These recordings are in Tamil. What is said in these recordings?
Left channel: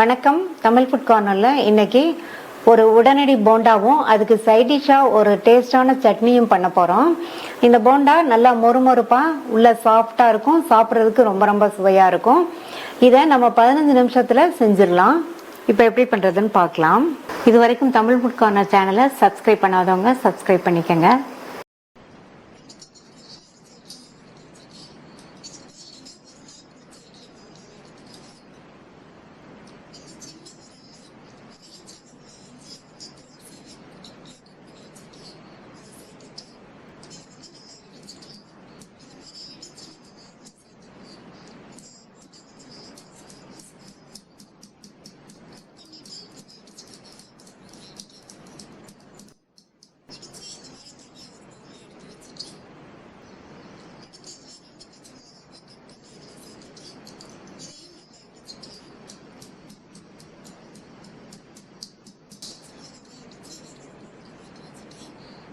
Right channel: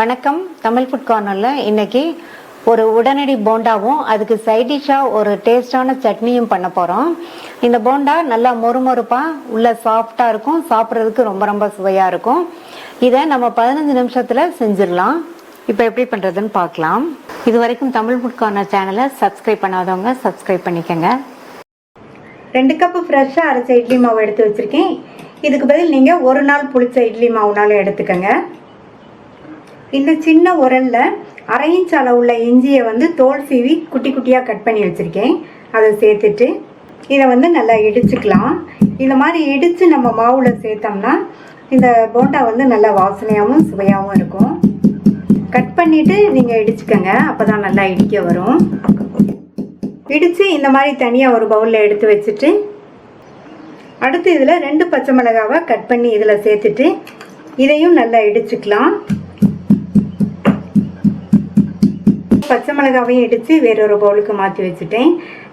வணக்கம். தமிழ் ஃபுட் கார்னரில் இன்னைக்கு ஒரு உடனடி போண்டாவும் அதுக்கு சைட் டிஷ்ஷாக ஒரு டேஸ்டான சட்னியும் பண்ண போகிறோம். இந்த போண்டா நல்லா மொறுமொறுப்பாக உள்ள சாஃப்டாக இருக்கும், சாப்பிட்றதுக்கு ரொம்ப ரொம்ப சுவையாக இருக்கும். இதை நம்ம 15 நிமிஷத்தில் செஞ்சிடலாம். இப்போ எப்படி பண்ணுறதுன்னு பார்க்கலாம். இது வரைக்கும் தமிழ் ஃபுட் கார்னர் சேனலை சப்ஸ்கிரைப் பண்ணாதவங்க சப்ஸ்கிரைப் பண்ணிக்கோங்க. 2 கப்பு ஃப்ரெஷ்ஷாக அரைச்ச இட்லி மாவு எடுத்து வச்சுருக்கேன். இதுக்கு பதில் நீங்கள் ஒரு நாள் புளிச்ச இட்லி மாவுனாலும் எடுத்துக்கோங்க. இந்த சின்ன உரலில் 1/2 இன்ச் அளவுள்ள இஞ்சியை தோல் சீவி குட்டி குட்டியாக கட் பண்ணி வச்சுருக்கேன். அதை சேர்த்துட்டு இதை நல்லா இடிச்சுக்கலாம். இந்த மாதிரி இடித்து நம்ம மாவில் சேர்த்தோம்னா இந்த போண்டா நல்லா வாசனையாகவும் சுவையாகவும் இருக்கும். கட் பண்ணிவிட்டு நீங்கள் இடிச்சுக்கோங்க, அப்போ தான் நல்லா இடிக்க வரும். இடித்து இந்த மாதிரி தனியாக ஒரு பவுலில் எடுத்து வச்சுட்டு அடுத்து இதில் 2 பச்சை மிளகாவை கட் பண்ணி இதில் சேர்த்துட்டு இதையும் நல்லா இடிச்சுக்கலாம். பச்சை மிளகாவையும் இடித்து வேறொரு பவுலுக்கு மாற்றி வச்சுட்டேன்.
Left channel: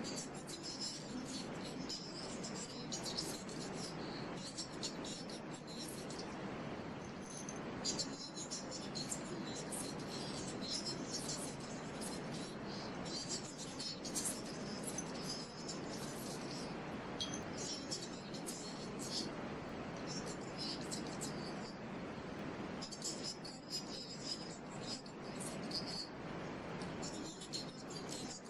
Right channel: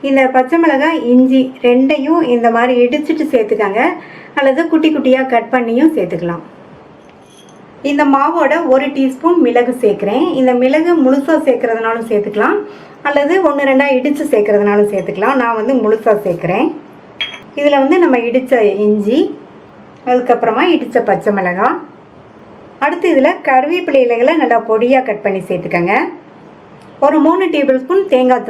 இந்த பச்சை மிளகாய் இஞ்சி ரெண்டையும் இந்த மாதிரி இடிச்சிட்டு சேர்த்துக்கங்க, அல்லது குட்டி குட்டியாக கட் பண்ணியும் சேர்த்துக்கலாம். இந்த மாவோட 1 டீஸ்பூன் மிளகு சேர்க்குறேன். இந்த மிளகு முழுசாக சேர்க்குறதுனாலும் சேர்த்துக்கலாம், அல்லது 1-2 இடித்து சேர்க்குறதுனாலும் சேர்த்துக்கலாம். நான் முழுசாக சேர்க்குறேன். இதில் நம்ம இடித்த இஞ்சி, அதுக்கப்புறமா இடித்த பச்சை மிளகாய், அடுத்து இதில் கருவேப்பிலை இலைகளை நல்லா பொடியாக கட் பண்ணி சேர்த்துக்கங்க. ஒரு 3 டேபிள் ஸ்பூன் தேங்காய்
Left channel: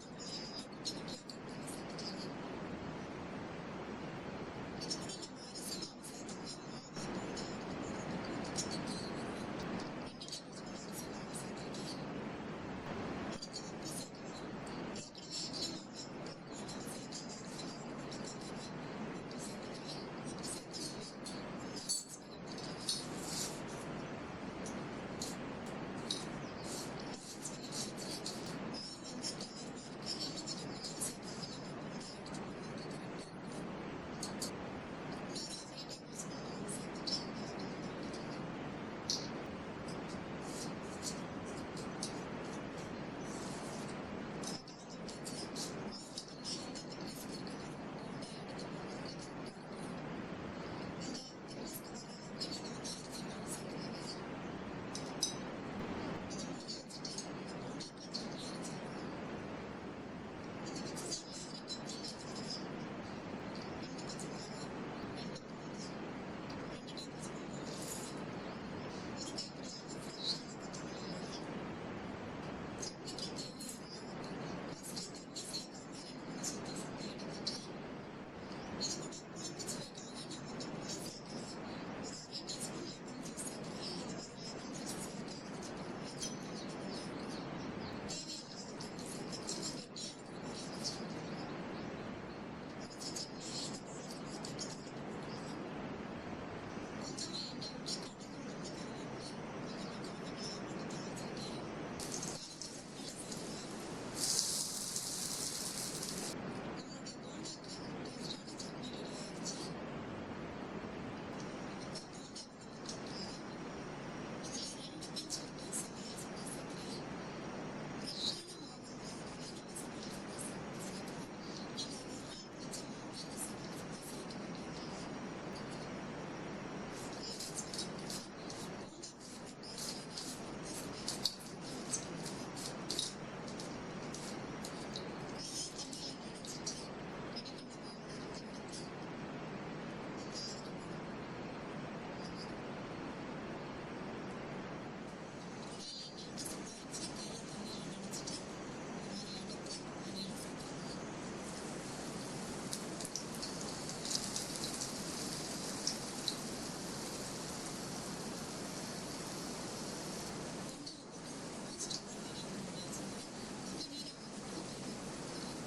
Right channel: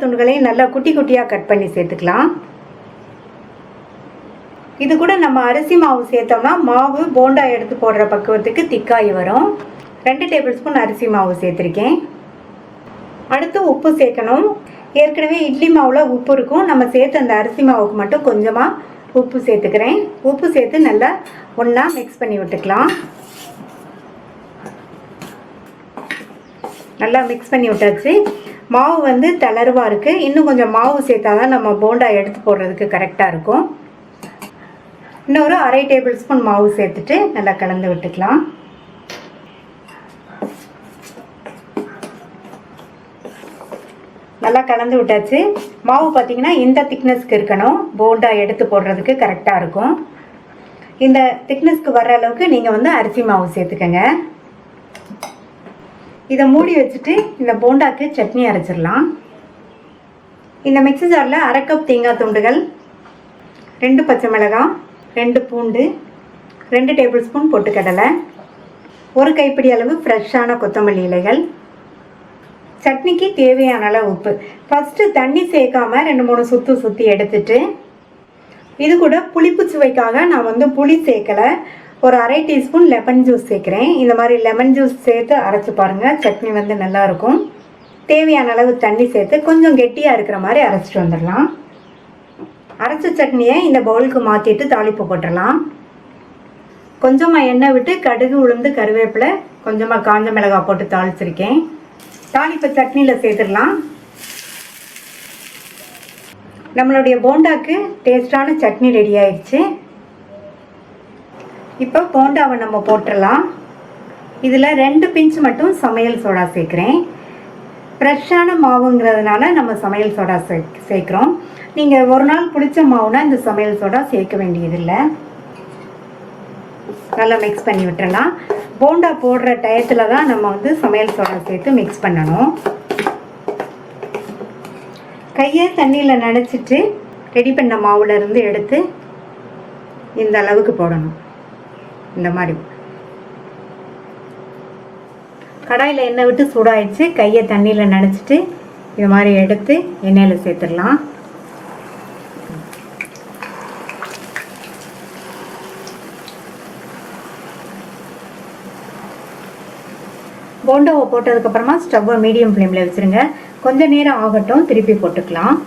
துண்டுகளையும் நல்லா குட்டி குட்டியாக கட் பண்ணி சேர்த்துக்கலாம். இது கூட நம்ம அரிசி மாவு சேர்த்தோம்னா மாவு போண்டா எடுத்து போடுற பக்குவத்துக்கு திக்காகி வரும். 2 டேபிள் ஸ்பூன் அரிசி மாவு சேர்த்துருக்கேன். அடுத்து உப்பு சேர்க்கணும். ஏற்கனவே இட்லி மாவில் உப்பு இருக்கும், நம்ம சேர்த்து அந்த அரிசி மாவுக்கு மட்டும் கொஞ்சமாக உப்பு சேர்த்துக்கிறேன். உப்பு சேர்த்து நல்லா ஒன்றா மிக்ஸ் பண்ணி விட்டுக்கலாம். நல்லா மிக்ஸ் பண்ணி விட்டாச்சு. மாவு தளர்வாக இருக்குது. இன்னும் கொஞ்சம் மாவு சேர்த்தா தான் நம்ம போண்டா எடுத்து போடுறதுக்கு கரெக்டாக இருக்கும். இன்னொரு 1/2 டேபிள் ஸ்பூன் மாவு சேர்த்துட்டு நல்லா கலந்து விட்டுக்கலாம். நல்லா கலந்து விட்டாச்சு. மாவு பார்த்திங்கன்னா இந்த திக்னஸ்க்கு இருக்கணும், போண்டா எடுத்து போடுறதுக்கு கரெக்டாக இருக்கும். இந்த திக்னஸ்க்கு வர்ற அளவுக்கு நீங்கள் அரிசி மாவு சேர்த்துக்கங்க. இதை மூடி வச்சுட்டு இந்த போண்டாக்கு சட்னி அரைச்சிடலாம். இந்த மிக்ஸி ஜாரில் 1/2 கப் தேங்காய் துண்டுகள், 2 பச்சை மிளகாய், 2 பூண்டு, 2 டேபிள் ஸ்பூன் பொட்டுக்கடலை, 1 கைப்பிடி அளவு ஃப்ரெஷ்ஷான கொத்தமல்லி இலைகள், சட்னிக்கு தேவையான அளவு உப்பு. ஃபஸ்ட்டு தண்ணி சேர்க்காம 2-3 சுற்றி எடுத்துட்டு இது கூட புளிப்பு சுவைக்காக நான் புளி சேர்க்கலை, ஒரு 1/2 டீஸ்பூன் லெமன் ஜூஸ் சேர்க்குறேன். இந்த மாதிரி லெமன் ஜூஸ் சேர்த்து அரைச்சி பாருங்கள், சட்னி நல்லாயிருக்கும். தேவையான அளவு தண்ணி சேர்த்து கொஞ்சம் கெட்டியாக இருக்கிற மாதிரி அரைச்சிட்டு வந்துடலாம். அரைச்ச சட்னியை இந்த பவுலுக்கு மாற்றிட்டு தாளிப்பு போட்டுடலாம். கொஞ்சமாக எண்ணெய் விட்டு கடுகு, உளுந்து, கருவேப்பிலை, கொஞ்சமாக காஞ்ச மிளகாய் போட்டு தாளிச்சிருக்கேன். தாளிப்பு சட்னியில் சேர்த்துடலாம். நம்மளுடைய போண்டாக்கு டேஸ்டான சட்னி ரெடி ஆயிடுச்சு. இப்போ போண்டாவை நம்ம போட்டுடலாம். இதில் 2 பிஞ்ச் மட்டும் சமையல் சோடா சேர்க்குறேன். ஃப்ரெஷ்ஷான மாவுங்கிறதுனால நம்ம சமையல் சோடா சேர்க்குறோம். நீங்கள் ஒரு நாள் புளிச்ச மாவுனா இந்த சமையல் சோடா சேர்க்க வேண்டியதில்லை. நல்லா மிக்ஸ் பண்ணி விட்டுறலாம். போண்டா போடுற டயத்தில் தான் நம்ம சமையல் சோடா சேர்த்து மிக்ஸ் பண்ணணும். கையை தண்ணியில் நனைச்சிட்டு ரெடி பண்ண மாவுலேருந்து எடுத்து இந்த அளவுக்கு போடணும். இந்த மாதிரி கடாயில் எண்ணெய் விட்டு சூடாயிடுச்சு. கையை தண்ணியில் நனைச்சிட்டு இது மாதிரி எடுத்து எண்ணெயில் சேர்த்துடலாம். போண்டாவை போட்டதுக்கப்புறமா ஸ்டவ்வை மீடியம் ஃப்ளேமில் வச்சுருங்க. கொஞ்சம் நேரம் ஆகட்டும், திருப்பி போட்டுக்கலாம்.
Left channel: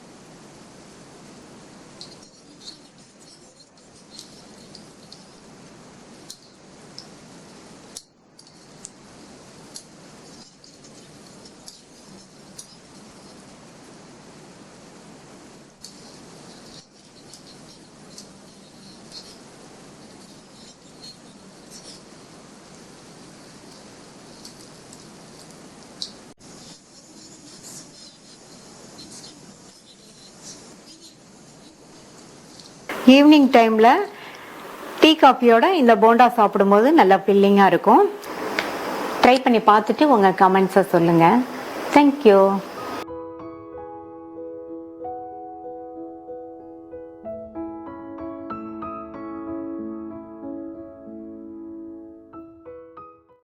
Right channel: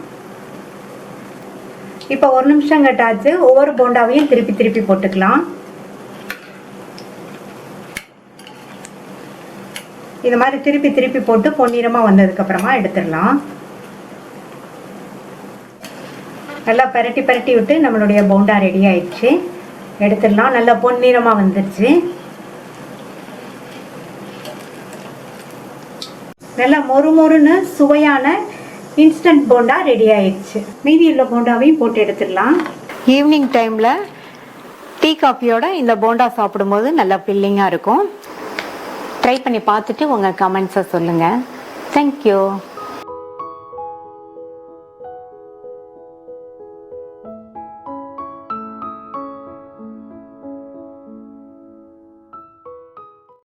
இப்போ 1 நிமிஷம் கட்டாச்சு. ஒவ்வொரு போண்டாவையும் திருப்பி போட்டுக்கலாம். இது மாதிரி திருப்பி போட்டு பொன்னிறமாக வந்ததுக்கப்புறமா எடுத்துடலாம். நல்லா பரட்டி விட்டு நம்மளுடைய போண்டா ரெடி ஆயிடுச்சு. எடுத்துடலாம். நல்லா பொன்னிறமாக வந்துடுச்சு. நல்லா மொறுமொறுன்னு சுவையான இன்ஸ்டன்ட் போண்டா ரெடி ஆயிடுச்சு. மீதி உள்ள போண்டாவையும் போட்டு எடுத்துடலாம். ஈவினிங் டைமில் டீ காஃபியோட இந்த போண்டா சாப்பிடும்போது நல்லா ஃபில்லிங்காக இருக்கும். ட்ரை பண்ணி பார்த்துட்டு உங்கள் கமெண்ட்ஸை சொல்லுங்கள். தேங்க்யூ.